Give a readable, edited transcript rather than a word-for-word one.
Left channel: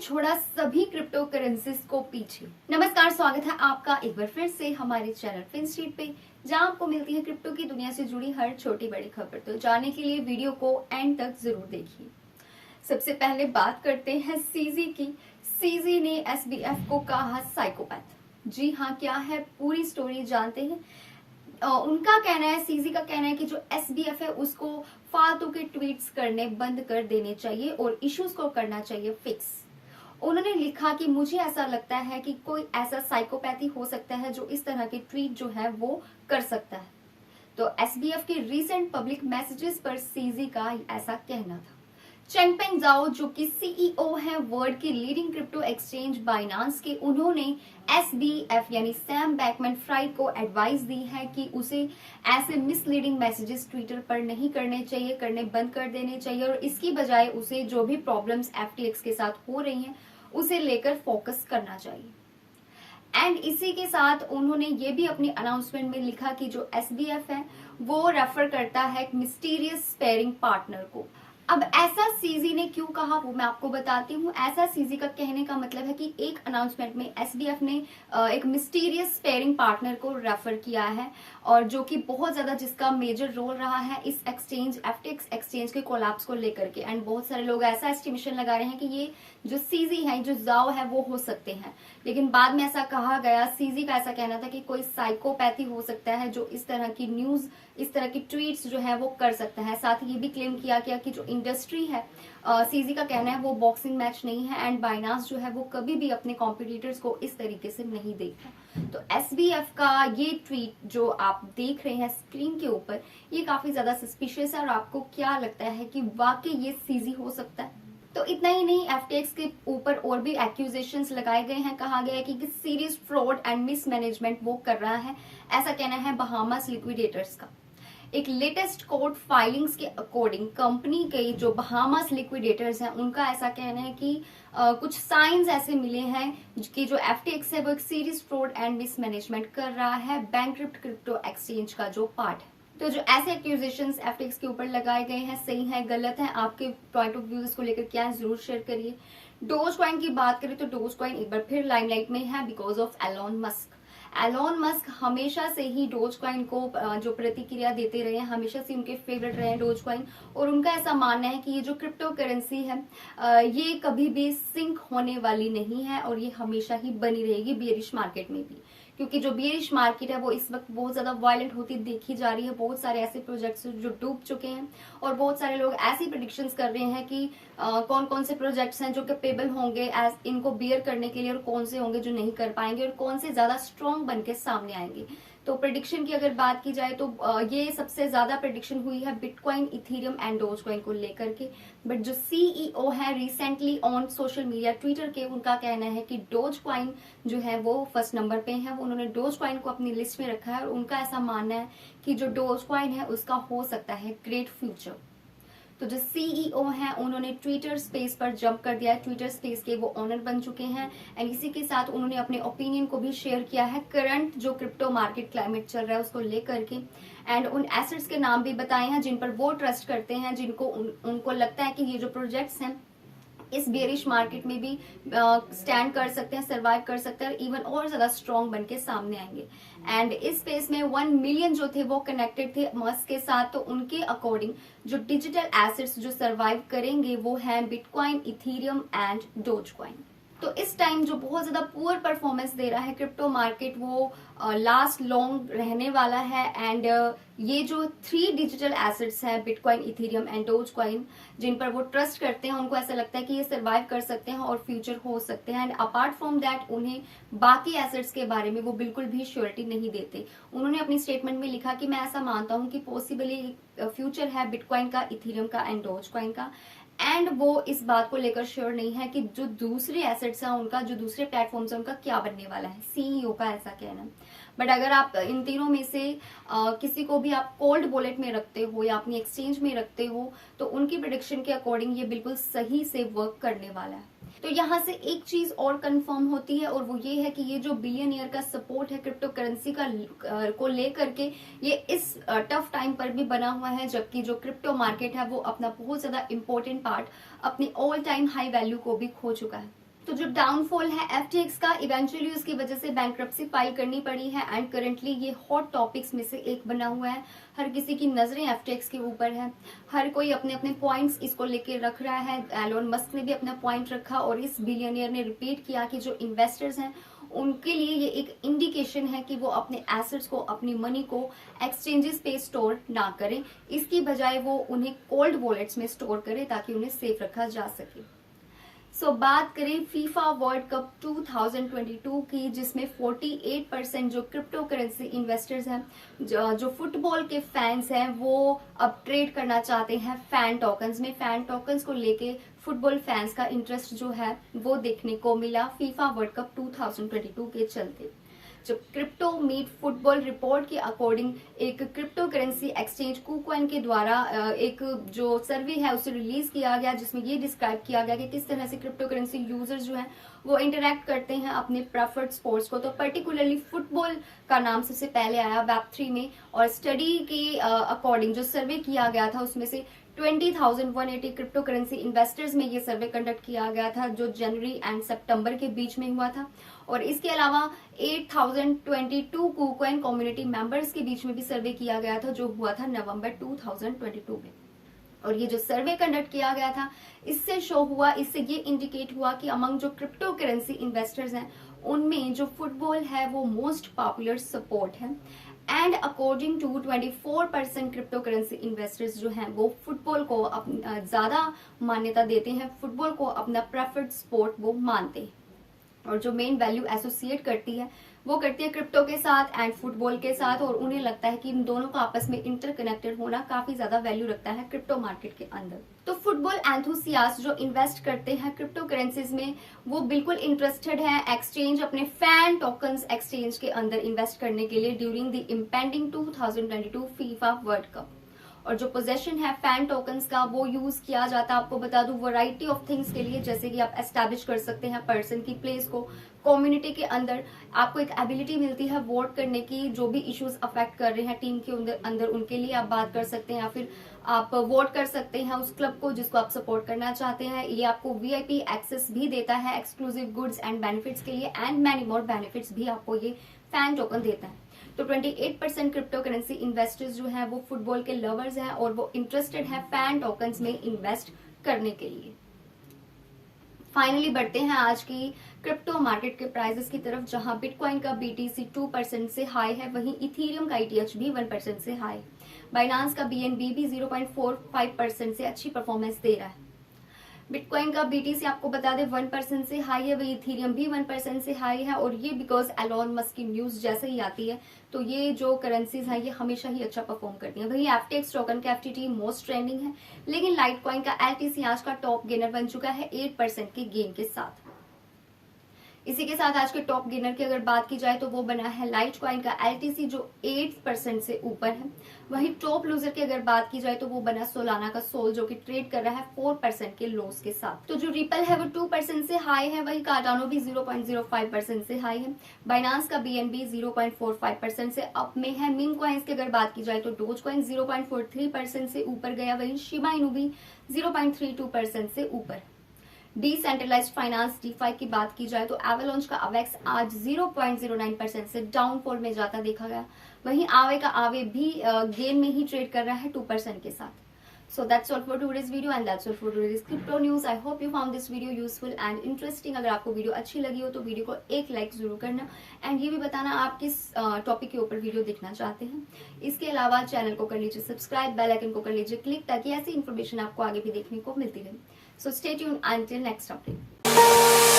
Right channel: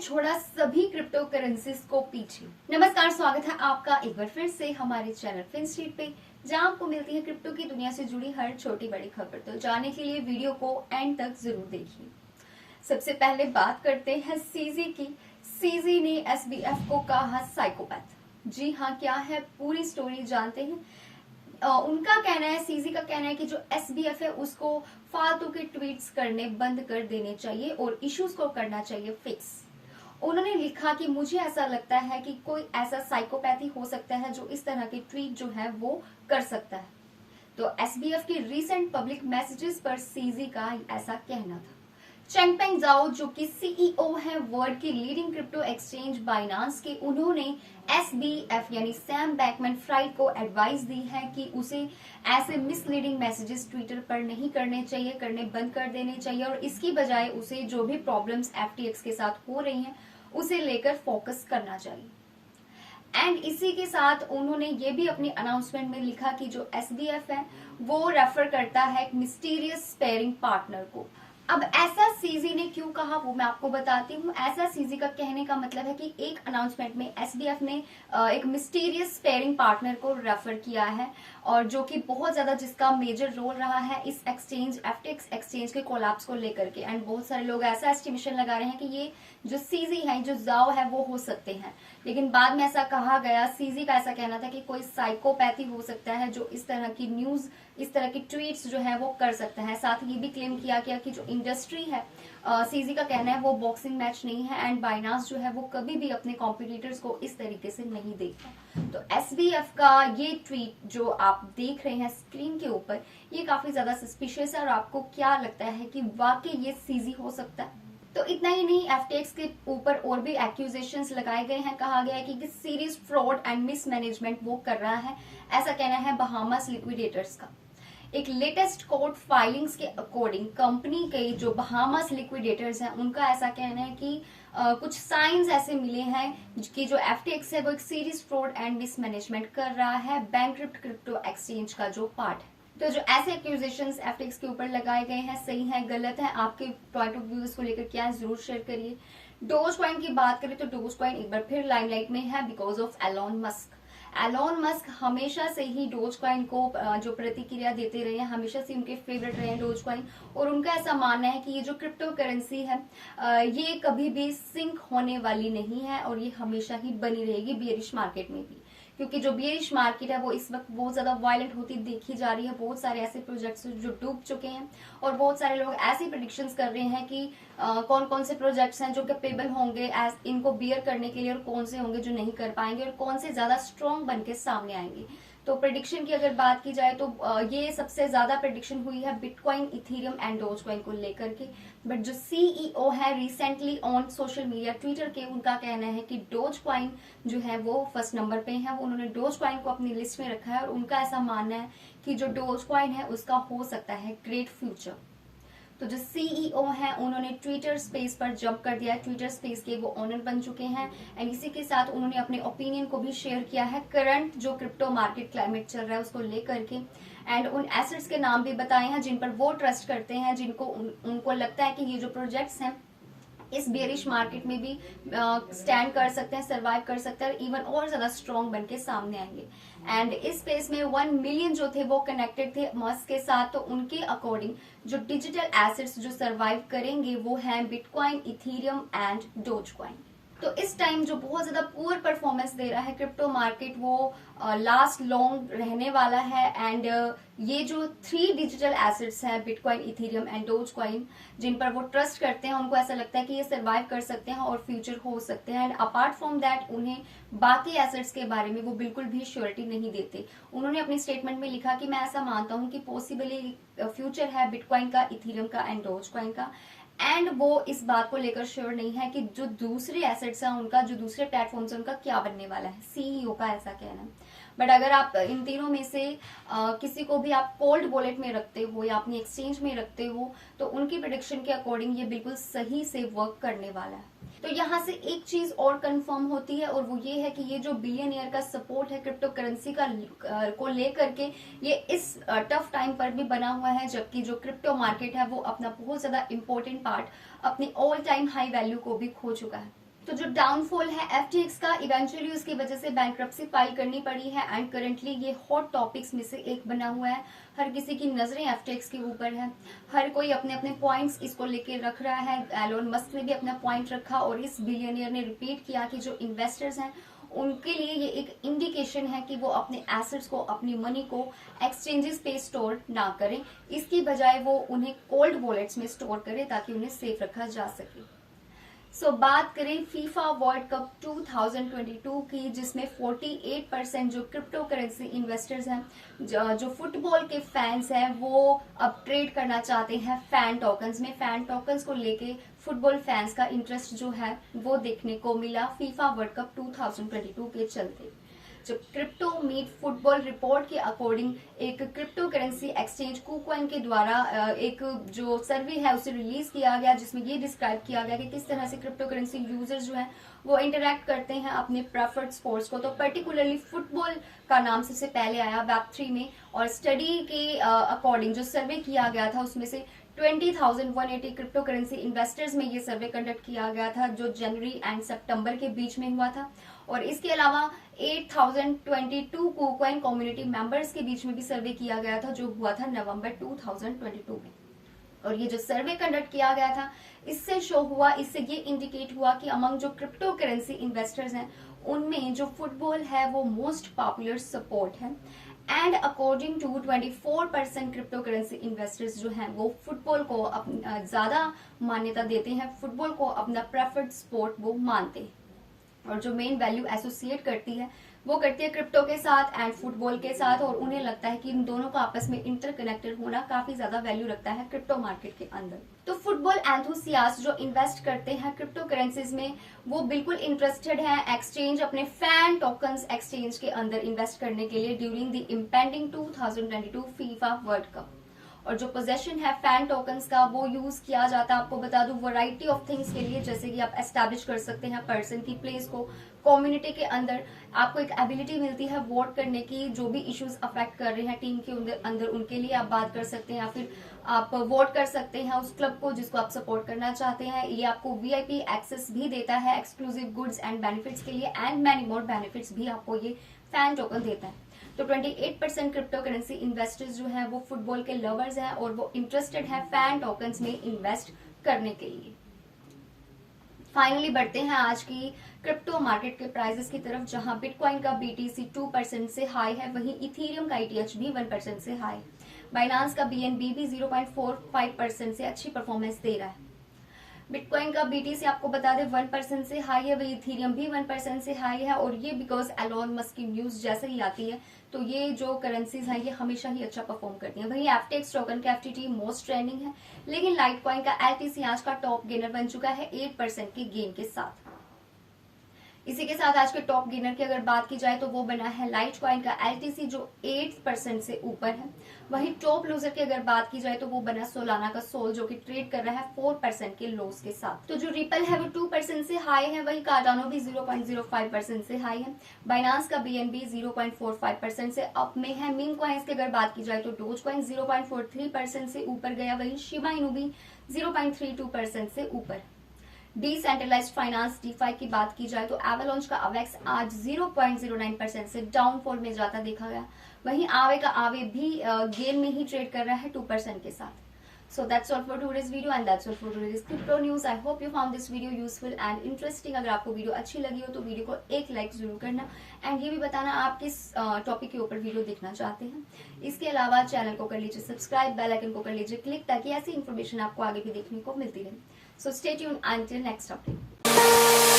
छोड़ा सभी crypto currencies को पीछे। नमस्कार, स्वागत है आपका एक बार फिर से हमारे चैनल फिनस्ट्रीट पे, जहां आपको मिलती है क्रिप्टो की दुनिया से जुड़ी हर छोटी बड़ी खबर। तो जानने के लिए वीडियो को एंड तक जरूर देखिए। सबसे पहले बात करते हैं सीजी की। सीजी ने एसबीएफ को कहा साइकोपैथ। जी हाँ, क्या है पूरी स्टोरी जानते हैं। उनका कहना है, सीजी का कहना है कि जो एसबीएफ है उसको फालतू के ट्वीट्स करने बंद कर देने चाहिए और इश्यूज को करना चाहिए फिक्स। उन्होंने लिखा कि मुझे ऐसा लगता है कि कोई ऐसा साइकोपैथी हो सकता है जो इस तरह के ट्वीट जो है वो कर सकता है। तो एसबीएफ के रीसेंट पब्लिक मैसेजेस पर सीजी का ऐसा कहना था। चेंगपेंग जाओ, जो कि सीईओ है वर्ल्ड की लीडिंग क्रिप्टो एक्सचेंज बाइनांस के, उन्होंने एसबीएफ यानी सैम बैकमैन फ्राइड को एडवाइस दी है कि उसे ऐसे मिसलीडिंग मैसेजेस ट्विटर पर नहीं करने चाहिए, करने बंद कर देने चाहिए और इसकी बजाय उसे जो भी प्रॉब्लम्स एफटीएक्स के साथ हो रही हैं उसे लेकर फोकस करना चाहिए। एंड इसी के साथ उन्होंने ये भी अपनी अनाउंसमेंट में लिखा कि जो एसबीएफ है वो रेफर करता है एक मिस्टीरियस स्पेयरिंग पार्टनर को। अब ऐसा सीजी ने क्यों कहा वो मैं आपको बताती हूँ। ऐसा सीजी का कहने का मतलब है कि एक अनाउंसमेंट में एसबीएफ ने एक मिस्टीरियस स्पेयरिंग पार्टनर को रेफर किया है और जो कि बहुत ज्यादा जिसका मेजर रोल रहा है इस एक्सचेंज एफटीएक्स एक्सचेंज के कोलैप्स को लेकर के। एंड बहुत सारे लोग ऐसा एस्टिमेशन लगा रहे हैं कि ये जो सीजी है, जो जाओ है, वो हो सकते हैं। लेकिन बाद में ऐसा कहा गया, सीजी का ऐसा कहना था कि कोई साइकोपैथी हो सकता है जो इस तरह की न्यूज, इस तरह की ट्वीट्स जो है वो कर सकता है। साथ ही ये भी क्लेम किया गया कि जो इंडस्ट्री है, सीजी का कहना है वो बॉक्सिंग मैच नहीं है एंड बाइनांस जो है वो कभी भी अपने कॉम्पिटिटर्स को इस तरीके से नहीं देखता। तो एसबीएफ का ये ट्वीट जो आप देख रहे हैं स्क्रीन के ऊपर, ये काफी ज्यादा सस्पिशियस है। और आपको क्या लगता है कि वाकई ये सीजी हो सकता है? तो इतना ही नहीं, एफटीएक्स के ऊपर और भी एक्यूजेशंस लगाए गए हैं। कहा गया है कि सीरियस फ्रॉड एंड मिसमैनेजमेंट वो कर रहा है, ऐसा कहना है बहामास लिक्विडेटर्स का। एक लेटेस्ट कोर्ट फाइलिंग्स के अकॉर्डिंग कंपनी के जो बहामास लिक्विडेटर्स हैं उनका ऐसा कहना है कि कुछ साइंस ऐसे मिले हैं कि जो एफटीएक्स है वो एक सीरियस फ्रॉड एंड मिसमैनेजमेंट कर रहा है बैंकक्रप्ट क्रिप्टो एक्सचेंज का जो पार्ट है। तो जो ऐसे एक्यूजेशंस एफटीएक्स के ऊपर लगाए गए हैं, सही है गलत है, आपके पॉइंट ऑफ व्यू इसको लेकर क्या है जरूर शेयर करिए। डोज कॉइन की बात करें तो डोज कॉइन एक बार फिर लाइमलाइट में है because of Elon Musk. Elon Musk हमेशा से ही डोज कॉइन को जो प्रतिक्रिया देते रहे हैं, हमेशा से उनके फेवरेट रहे हैं डोज कॉइन। और उनका ऐसा मानना है कि ये जो क्रिप्टो करेंसी है ये कभी भी सिंक होने वाली नहीं है और ये हमेशा ही बनी रहेगी बेरिश मार्केट में भी। क्योंकि जो बेरिश मार्केट है वो इस वक्त बहुत ज्यादा वायलेंट होती देखी जा रही है। बहुत सारे ऐसे प्रोजेक्ट्स जो डूब चुके हैं और बहुत सारे लोग ऐसी प्रेडिक्शंस कर रहे हैं कि कौन कौन से प्रोजेक्ट्स हैं जो कैपेबल होंगे एज इनको बियर करने के लिए और कौन से होंगे जो नहीं कर पाएंगे और कौन से ज्यादा स्ट्रॉन्ग बन के सामने आएंगे। तो प्रेडिक्शन की अगर बात की जाए तो ये सबसे ज्यादा प्रेडिक्शन हुई है बिटकॉइन, इथेरियम एंड डोजकॉइन को लेकर के। बट जो सीईओ है recently on social media Twitter के, उनका कहना है कि डोजकॉइन जो है वो फर्स्ट नंबर पे है। वो उन्होंने डोजकॉइन को अपनी लिस्ट में रखा है और उनका ऐसा मानना है कि जो डोजकॉइन है उसका हो सकता है ग्रेट फ्यूचर। तो जो सीईओ हैं उन्होंने ट्विटर स्पेस पर जंप कर दिया है, ट्विटर स्पेस के वो ऑनर बन चुके हैं। एंड इसी के साथ उन्होंने अपने ओपिनियन को भी शेयर किया है करंट जो क्रिप्टो मार्केट क्लाइमेट चल रहा है उसको लेकर के। एंड उन एसेट्स के नाम भी बताए हैं जिन पर वो ट्रस्ट करते हैं, जिनको उनको लगता है कि ये जो प्रोजेक्ट्स हैं इस बेरिश मार्केट में भी स्टैंड कर सकते हैं, सर्वाइव कर सकते हैं, इवन और ज्यादा स्ट्रॉन्ग बन के सामने आएंगे। एंड इस स्पेस में 1 मिलियन जो थे वो कनेक्टेड थे मस्क के साथ। तो उनके अकॉर्डिंग जो डिजिटल एसेट्स जो सर्वाइव करेंगे वो हैं बिटकॉइन, इथेरियम एंड डोजकॉइन। तो इस टाइम जो बहुत ज्यादा पुअर परफॉर्मेंस दे रहा है क्रिप्टो मार्केट वो लास्ट लॉन्ग रहने वाला है। एंड ये जो 3 डिजिटल एसेट्स हैं बिटकॉइन, इथेरियम एंड डोजकॉइन, जिन पर वो ट्रस्ट करते हैं, उनको ऐसा लगता है कि ये सर्वाइव कर सकते हैं और फ्यूचर हो सकते हैं। एंड अपार्ट फ्रॉम दैट उन्हें बाकी एसेट्स के बारे में वो बिल्कुल भी श्योरिटी नहीं देते। उन्होंने अपनी स्टेटमेंट में लिखा कि मैं ऐसा मानता हूं कि पॉसिबली फ्यूचर है बिटकॉइन का, इथेरियम का एंड डोजकॉइन का। एंड वो इस बात को लेकर श्योर नहीं है कि जो दूसरे एसेट्स हैं उनका, जो दूसरे प्लेटफॉर्म्स हैं उनका क्या बनने वाला है। सीईओ का ऐसा कहना है। बट अगर आप इन तीनों में से किसी को भी आप कोल्ड वॉलेट में रखते हो या अपनी एक्सचेंज में रखते हो तो उनकी प्रेडिक्शन के अकॉर्डिंग ये बिल्कुल सही से वर्क करने वाला है। तो यहाँ से एक चीज और कंफर्म होती है और वो ये है कि ये जो बिलियनियर का सपोर्ट है क्रिप्टो करेंसी का को लेकर के, ये इस टफ टाइम पर भी बना हुआ है, जबकि जो क्रिप्टो मार्केट है वो अपना बहुत ज्यादा इंपॉर्टेंट पार्ट, अपनी ऑल टाइम हाई वैल्यू को भी खो चुका है। तो जो डाउनफॉल है FTX का, इवेंचुअली उसकी वजह से बैंक्रप्सी फाइल करनी पड़ी है एंड करंटली ये हॉट टॉपिक्स में से एक बना हुआ है। हर किसी की नजरें FTX के ऊपर है, हर कोई अपने अपने पॉइंट्स इसको लेके रख रहा है। एलोन मस्क ने भी अपना पॉइंट रखा और इस बिलियनियर ने रिपीट किया कि जो इन्वेस्टर्स हैं उनके लिए ये एक इंडिकेशन है कि वो अपने एसेट्स को, अपनी मनी को एक्सचेंजेस पे स्टोर ना करें, इसकी बजाय वो उन्हें कोल्ड वॉलेट्स में स्टोर करें ताकि उन्हें सेफ रखा जा सके। बात करें फीफा वर्ल्ड कप 2022 की, जिसमें 48% जो क्रिप्टो करेंसी इन्वेस्टर्स हैं, जो फुटबॉल के फैंस हैं, वो अब ट्रेड करना चाहते हैं फैन टोकन्स में। फैन टोकन्स को लेके फुटबॉल फैंस का इंटरेस्ट जो है वो देखने को मिला फीफा वर्ल्ड कप 2022 के चलते। जो क्रिप्टो मीट फुटबॉल रिपोर्ट के अकॉर्डिंग एक क्रिप्टो करेंसी एक्सचेंज KuCoin के द्वारा एक जो सर्वे है उसे रिलीज किया गया, जिसमें ये डिस्क्राइब किया गया कि किस तरह से क्रिप्टो करेंसी यूजर्स जो है वो इंटरेक्ट करते हैं अपने प्रेफर्ड स्पोर्ट्स को। तो पर्टिकुलरली फुटबॉल का नाम सबसे पहले आया Web3 में, और स्टडी के अकॉर्डिंग जो सर्वे किया गया था उसमें से 20,180 क्रिप्टो करेंसी इन्वेस्टर्स में ये सर्वे कंडक्ट किया गया था, जो जनवरी एंड सितंबर के बीच में हुआ था। और इसके अलावा 8,022 KuCoin कम्युनिटी मेंबर्स के बीच में भी सर्वे किया गया था, जो हुआ था नवंबर 2022 में। और ये जो सर्वे कंडक्ट किया गया था इससे शो हुआ, इससे ये इंडिकेट हुआ कि अमंग जो क्रिप्टो करेंसी इन्वेस्टर्स हैं उनमें जो फुटबॉल है वो मोस्ट पॉपुलर सपोर्ट है। And according to 24% crypto currency investors जो हैं वो फुटबॉल को ज्यादा मान्यता देते हैं, फुटबॉल को अपना प्रेफर्ड स्पोर्ट वो मानते हैं। और जो मेन वैल्यू एसोसिएट करती है वो करती है क्रिप्टो के साथ एंड फुटबॉल के साथ, और उन्हें लगता है कि इन दोनों का आपस में इंटरकनेक्टेड होना काफी ज्यादा वैल्यू रखता है क्रिप्टो मार्केट के अंदर। तो फुटबॉल एंथुसियास्ट जो इन्वेस्ट करते हैं क्रिप्टो करेंसीज में वो बिल्कुल इंटरेस्टेड है एक्सचेंज, अपने फैन टोकन्स एक्सचेंज के अंदर इन्वेस्ट करने के लिए during the impending 2022 FIFA world cup. और जो पोजेशन है फैन टोकन्स का वो यूज किया जाता है, आपको बता दूं, वैरायटी ऑफ थिंग्स के लिए, जैसे कि आप एस्टैब्लिश कर सकते हैं पर्सन की प्लेस को कम्युनिटी के अंदर, आपको एक एबिलिटी मिलती है वोट करने की, जो भी इश्यूज अफेक्ट कर रहे हैं टीम के अंदर उनके लिए आप बात कर सकते हैं, या फिर आप वोट कर सकते हैं उस क्लब को जिसको आप सपोर्ट करना चाहते हैं। ये आपको VIP एक्सेस भी देता है एक्सक्लूसिव गुड्स एंड बेनिफिट्स के लिए, एंड मैनी मोर बेनिफिट्स भी आपको ये फैन टोकन देता है। तो 28% क्रिप्टो करेंसी इन्वेस्टर्स जो है वो फुटबॉल के लवर्स हैं और वो इंटरेस्टेड है फैन टोकन्स में इन्वेस्ट करने के लिए। फाइनली बढ़ते हैं आज की क्रिप्टो मार्केट के प्राइसेस की तरफ, जहां बिटकॉइन का BTC 2% से हाई है, वहीं इथेरियम का ETH भी 1% से हाई। बाइनांस का BNB भी 0.45% से अच्छी परफॉर्मेंस दे रहा है। बिटकॉइन का BTC आपको बता दें 1% से हाई है, वही इथेरियम भी 1% से हाई है, और ये बिकॉज एलोन मस्क की न्यूज जैसे ही आती है तो ये जो करेंसीज हैं ये हमेशा ही अच्छा परफॉर्म करती हैं। वही FTX टोकन का FTT मोस्ट ट्रेंडिंग है, लेकिन लाइटकॉइन का LTC आज का टॉप गेनर बन चुका है 8% के गेन के साथ। इसी के साथ आज के टॉप गेनर की अगर बात की जाए तो वो बना है लाइटकॉइन का LTC, जो 8% से ऊपर है। वहीं टॉप लूजर की अगर बात की जाए तो वो बना सोलाना का सोल, जो कि ट्रेड कर रहा है 4% के लॉस के साथ। तो जो रिपल है वो 2% से हाई है, वही कार्डानो भी 0.05% से हाई है। बाइनांस का BNB 0.45% से अप में है। मीम कॉइन्स की अगर बात की जाए तो डोज कॉइन 0.43% से ऊपर गया, वही शिबा इनू भी 0.32% से ऊपर। डिसेंट्रलाइज्ड फाइनेंस DeFi की बात की जाए तो एवलॉन्च का AVAX आज 0.09% से डाउनफॉल में जाता देखा गया, वहीं आवे का आवे भी गेन में ही ट्रेड कर रहा है 2% के साथ। So that's all for today's video and that's all for today's crypto news. I hope you found this video useful and interesting. अगर आपको वीडियो अच्छी लगी हो तो वीडियो को एक लाइक जरूर करना एंड ये भी बताना आप किस टॉपिक के ऊपर वीडियो देखना चाहते हैं। इसके अलावा चैनल को कर लीजिए सब्सक्राइब, बेल आइकन को कर लीजिए क्लिक, ताकि ऐसी इन्फॉर्मेशन आपको आगे भी देखने को मिलती रहे। So stay tuned until next update.